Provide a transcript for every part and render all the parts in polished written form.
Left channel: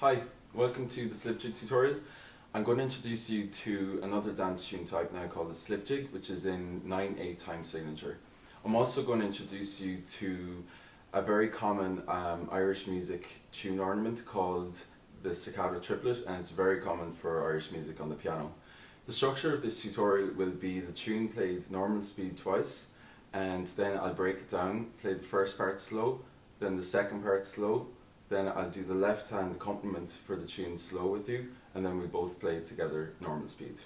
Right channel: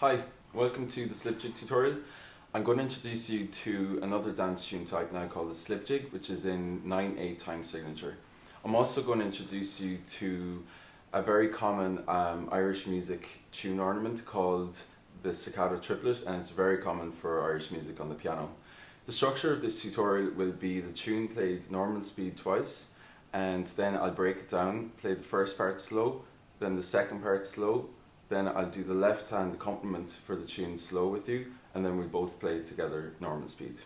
Hi, welcome to the slip jig tutorial. I'm going to introduce you to another dance tune type now called the slip jig, which is in 9/8 time signature. I'm also going to introduce you to a very common Irish music tune ornament called the staccato triplet, and it's very common for Irish music on the piano. The structure of this tutorial will be the tune played normal speed twice, and then I'll break it down, play the first part slow, then the second part slow, then I'll do the left hand accompaniment for the tune slow with you, and then we both play together normal speed.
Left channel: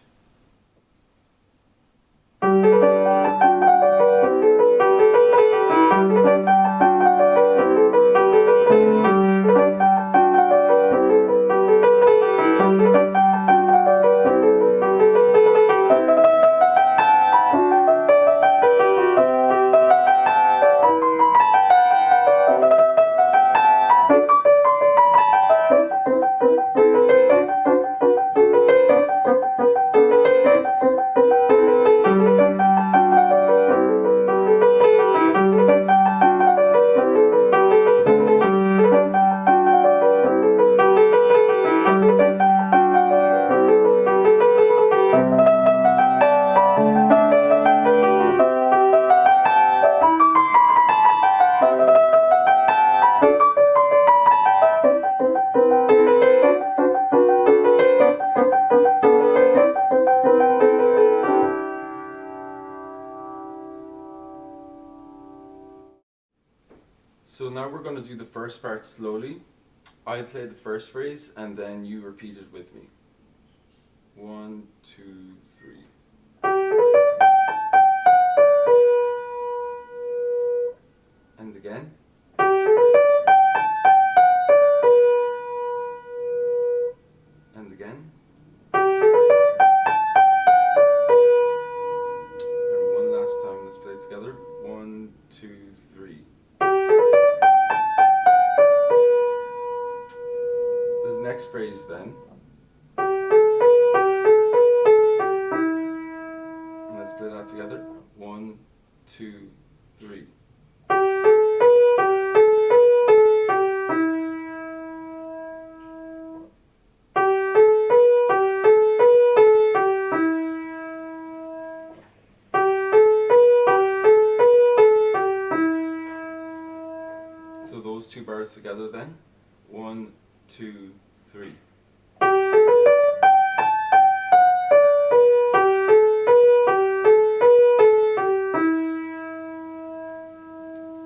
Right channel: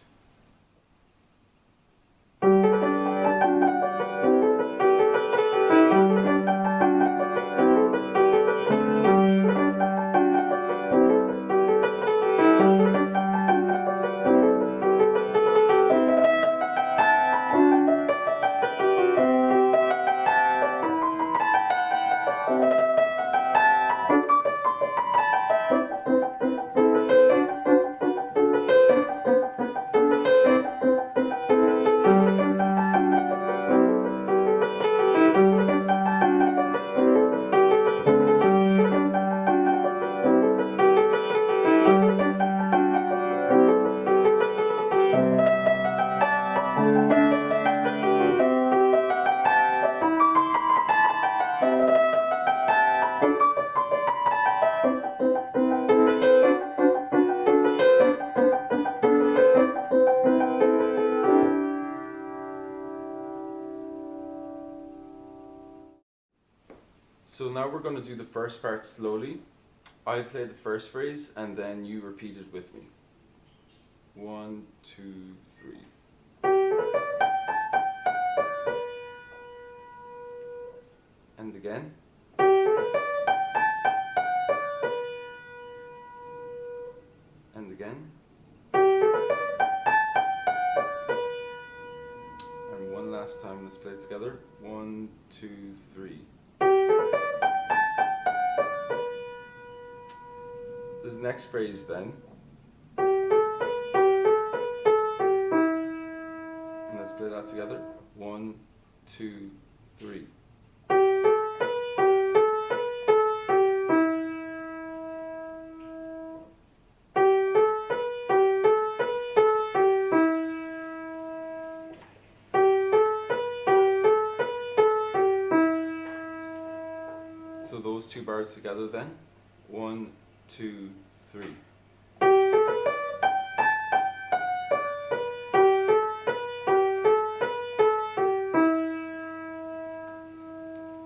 So now we're going to do the first part slowly. I play the first phrase and then you repeat it with me. 1, 2, 3. And again. And again. And one last time, let's play it together. 1, 2, 3. The next phrase then. And let's play that together. 1, 2, 3. So those two bars together then. 1, 2, 3.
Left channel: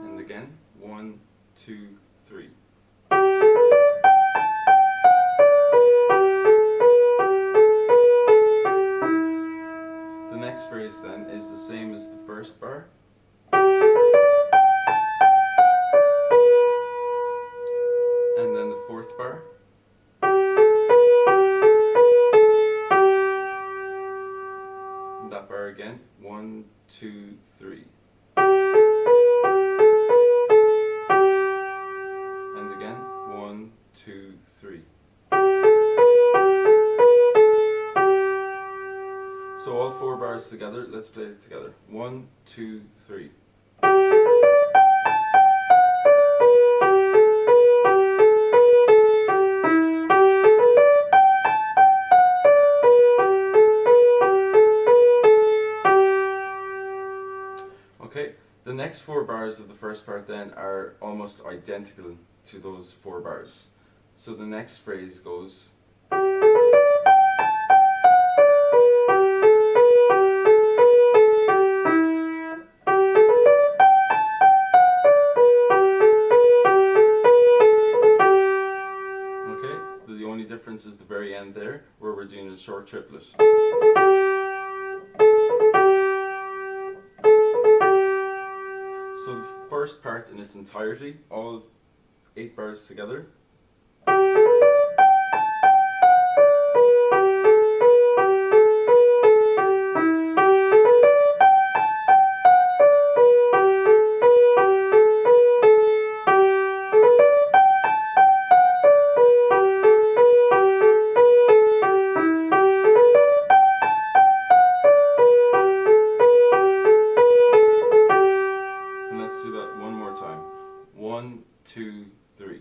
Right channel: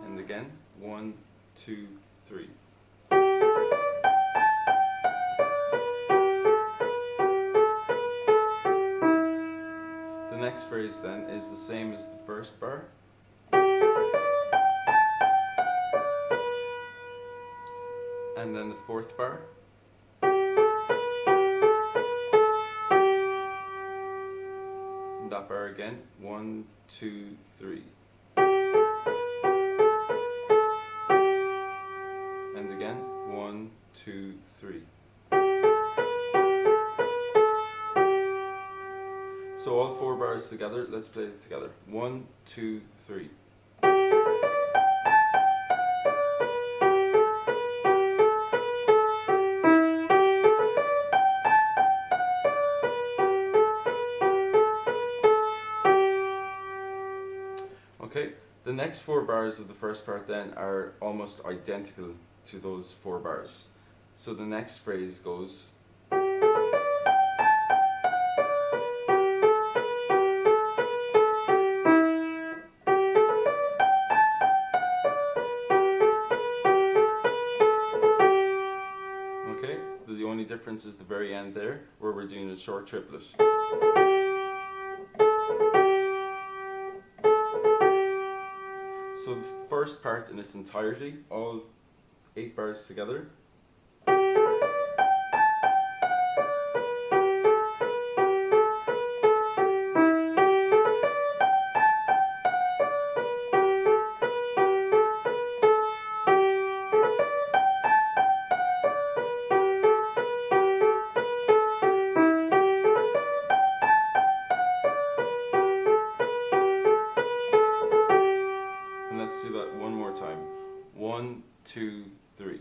And again. 1, 2, 3. The next phrase then is the same as the first bar. And then the fourth bar. And that bar again. 1, 2, 3. And again. 1, 2, 3. So all four bars together, let's play it together. 1, 2, 3. Okay, the next four bars of the first part then are almost identical to those four bars. So the next phrase goes. Okay, the only difference is the very end there, where we're doing a short triplet. So the first part in its entirety, all 8 bars together. And let's do that one more time. 1, 2, 3.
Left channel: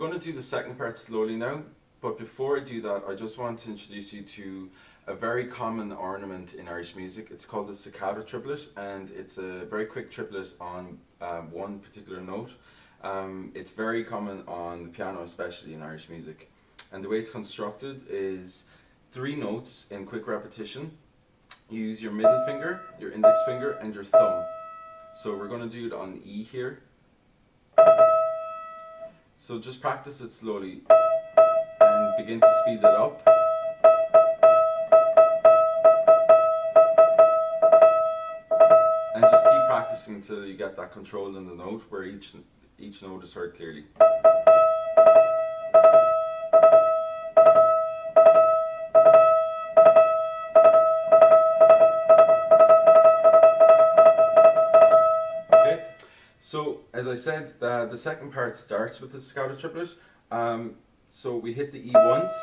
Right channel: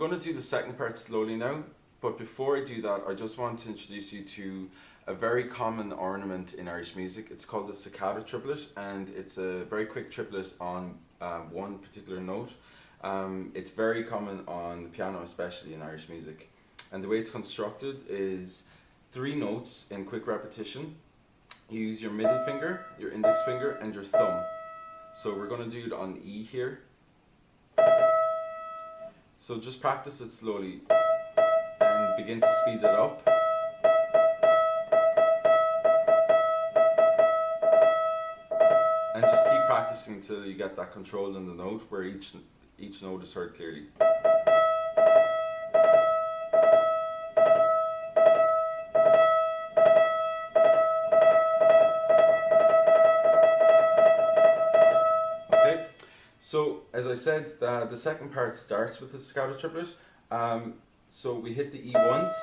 going to do the second part slowly now, but before I do that, I just want to introduce you to a very common ornament in Irish music. It's called the staccato triplet, and it's a very quick triplet on one particular note. It's very common on the piano, especially in Irish music. And the way it's constructed is 3 notes in quick repetition. You use your middle finger, your index finger, and your thumb. So we're going to do it on E here. So just practice it slowly and begin to speed it up. And just keep practicing until you get that control in the note where each note is heard clearly. So, as I said, the second part starts with the staccato triplet. So we hit the E once,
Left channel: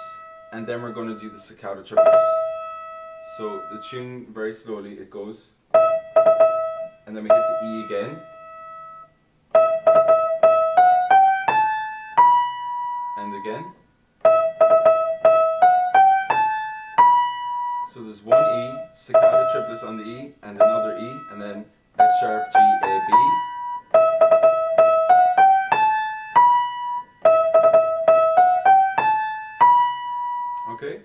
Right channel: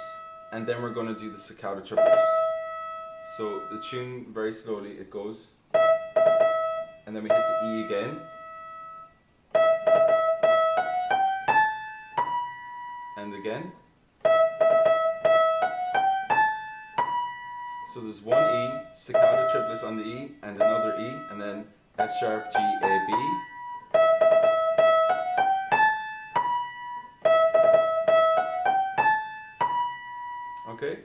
and then we're going to do the staccato triplet. So the tune, very slowly, it goes, and then we hit the E again, and again. So there's one E, staccato triplet on the E, and another E, and then F sharp, G, A, B. Okay,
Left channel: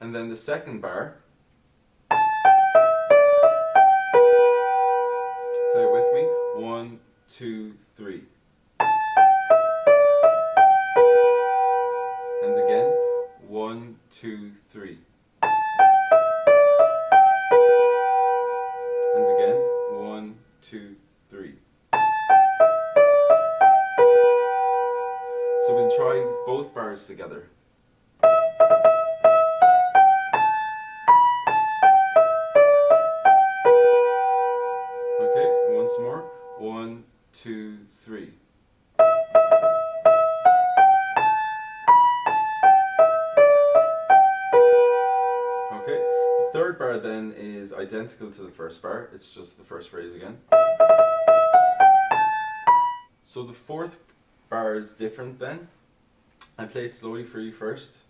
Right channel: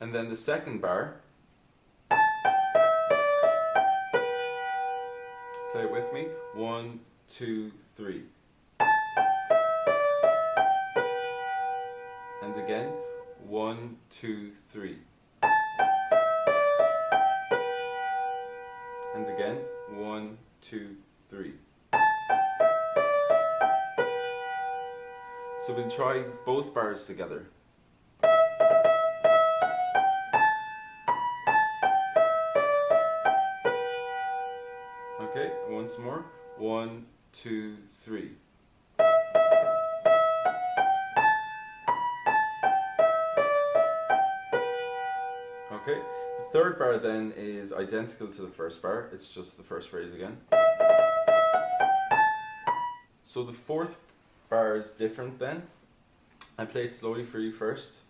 and then the second bar, play it with me, 1, 2, 3. And again, 1, 2, 3. And again, 1, 2, 3. So we'll try both bars together. Okay, once more. 1, 2, 3. Okay, the third bar then is identical to the first bar, it's just the first phrase again. So the fourth bar is different then. I play it slowly for you first.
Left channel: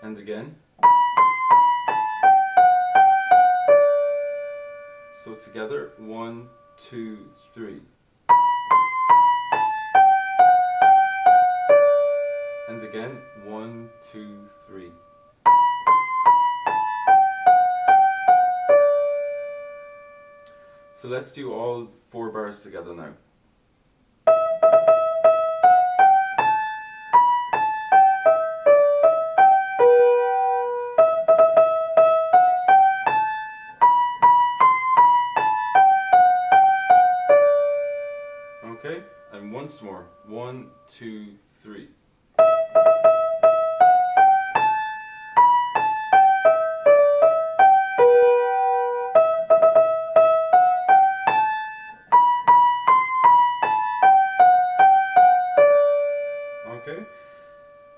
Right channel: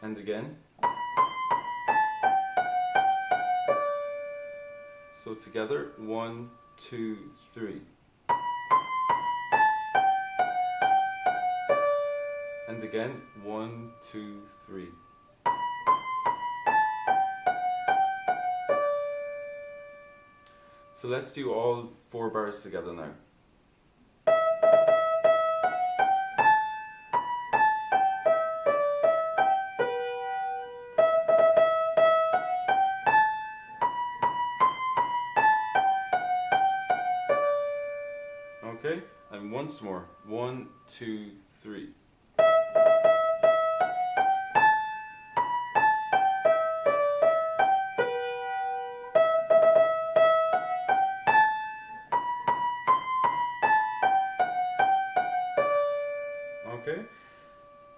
And again. So together, 1, 2, 3. And again, 1, 2, 3. So let's do all 4 bars together now. Okay, and once more. 1, 2, 3. Okay,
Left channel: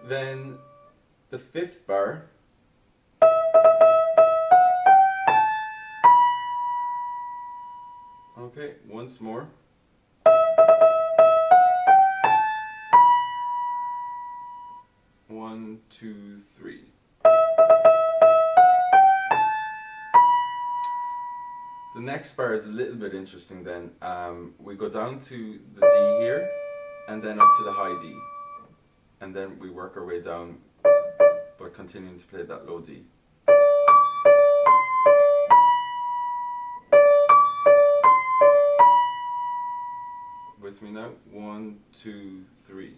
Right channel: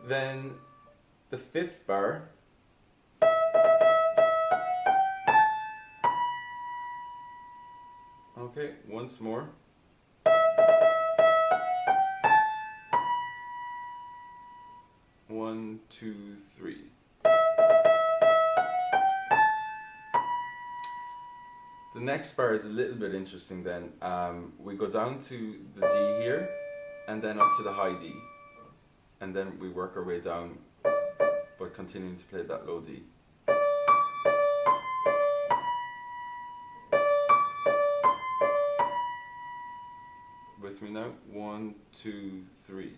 then the fifth bar. Okay, once more. One, 2, 3. The next bar is a little bit interesting then. We go down to the D here, and then up to the high D. And then we work our way down, but continuing to play that low D. With me now. 1, 2, 3.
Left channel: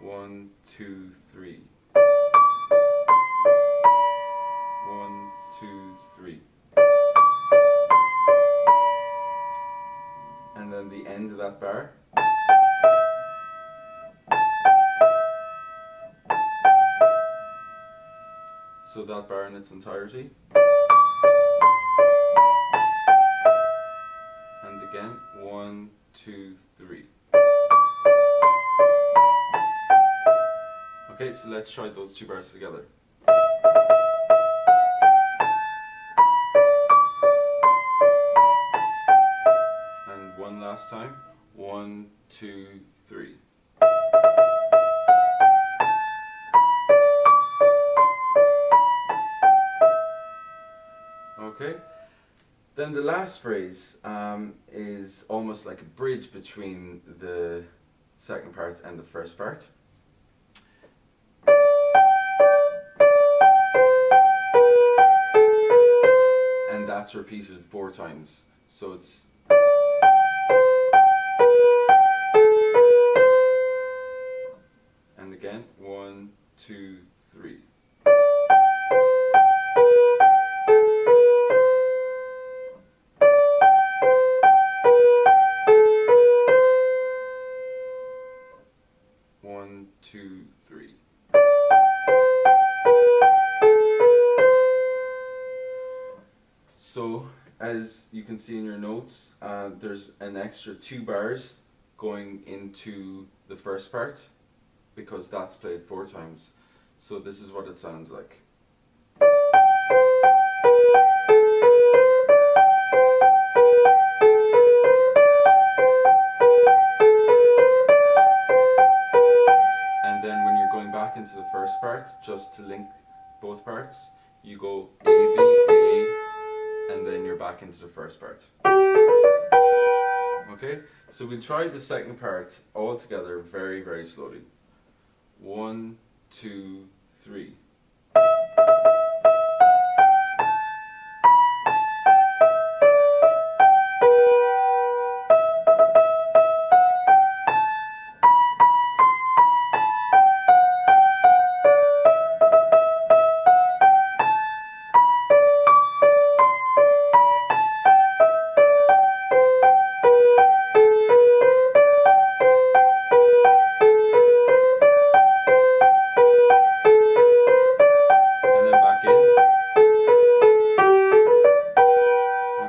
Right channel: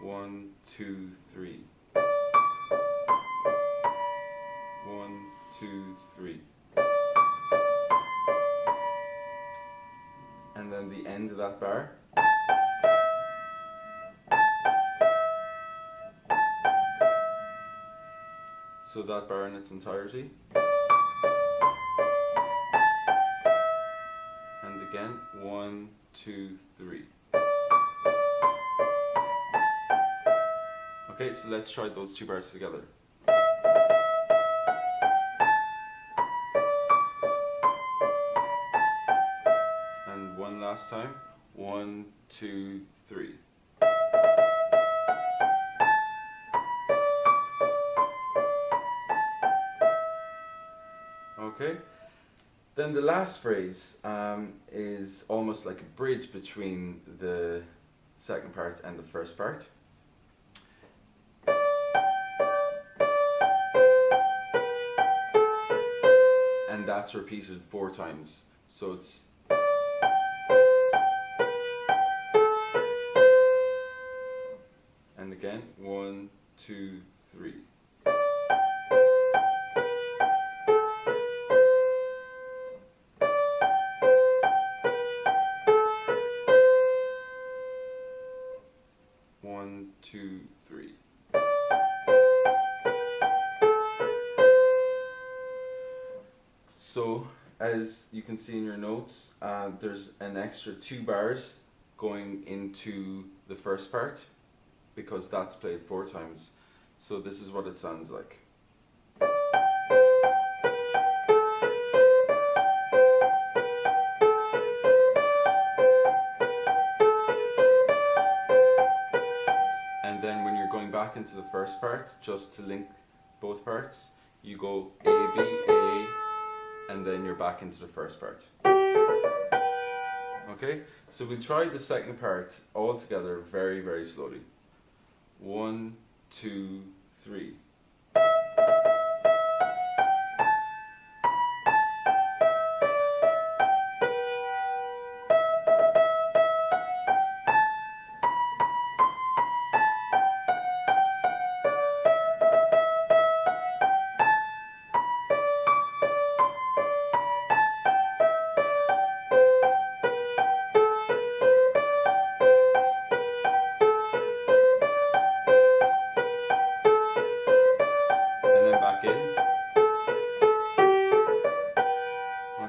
1, 2, 3. 1, 2, 3. And then the end of that bar. So that bar in its entirety. And again, 1, 2, 3. Okay, so let's try those 2 bars together. last time. 1, 2, 3. Okay. Then the last phrase is almost like a bridge between the second part and the first part. And that's repeated 4 times. So it's and again, 1, 2, 3. One, two, three. So, as you can see in your notes, there's an extra 2 bars going into the first part because that's played 4 times. So this is what it sounds like. And then when you're going back into the first part, just to link both parts, you go A, B, A, and then you're back into the first part. Okay, so we'll try the second part all together very, very slowly. 1, 2, 3.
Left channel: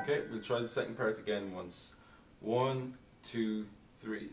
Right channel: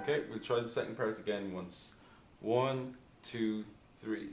Okay, we'll try the second part again once. 1, 2, 3.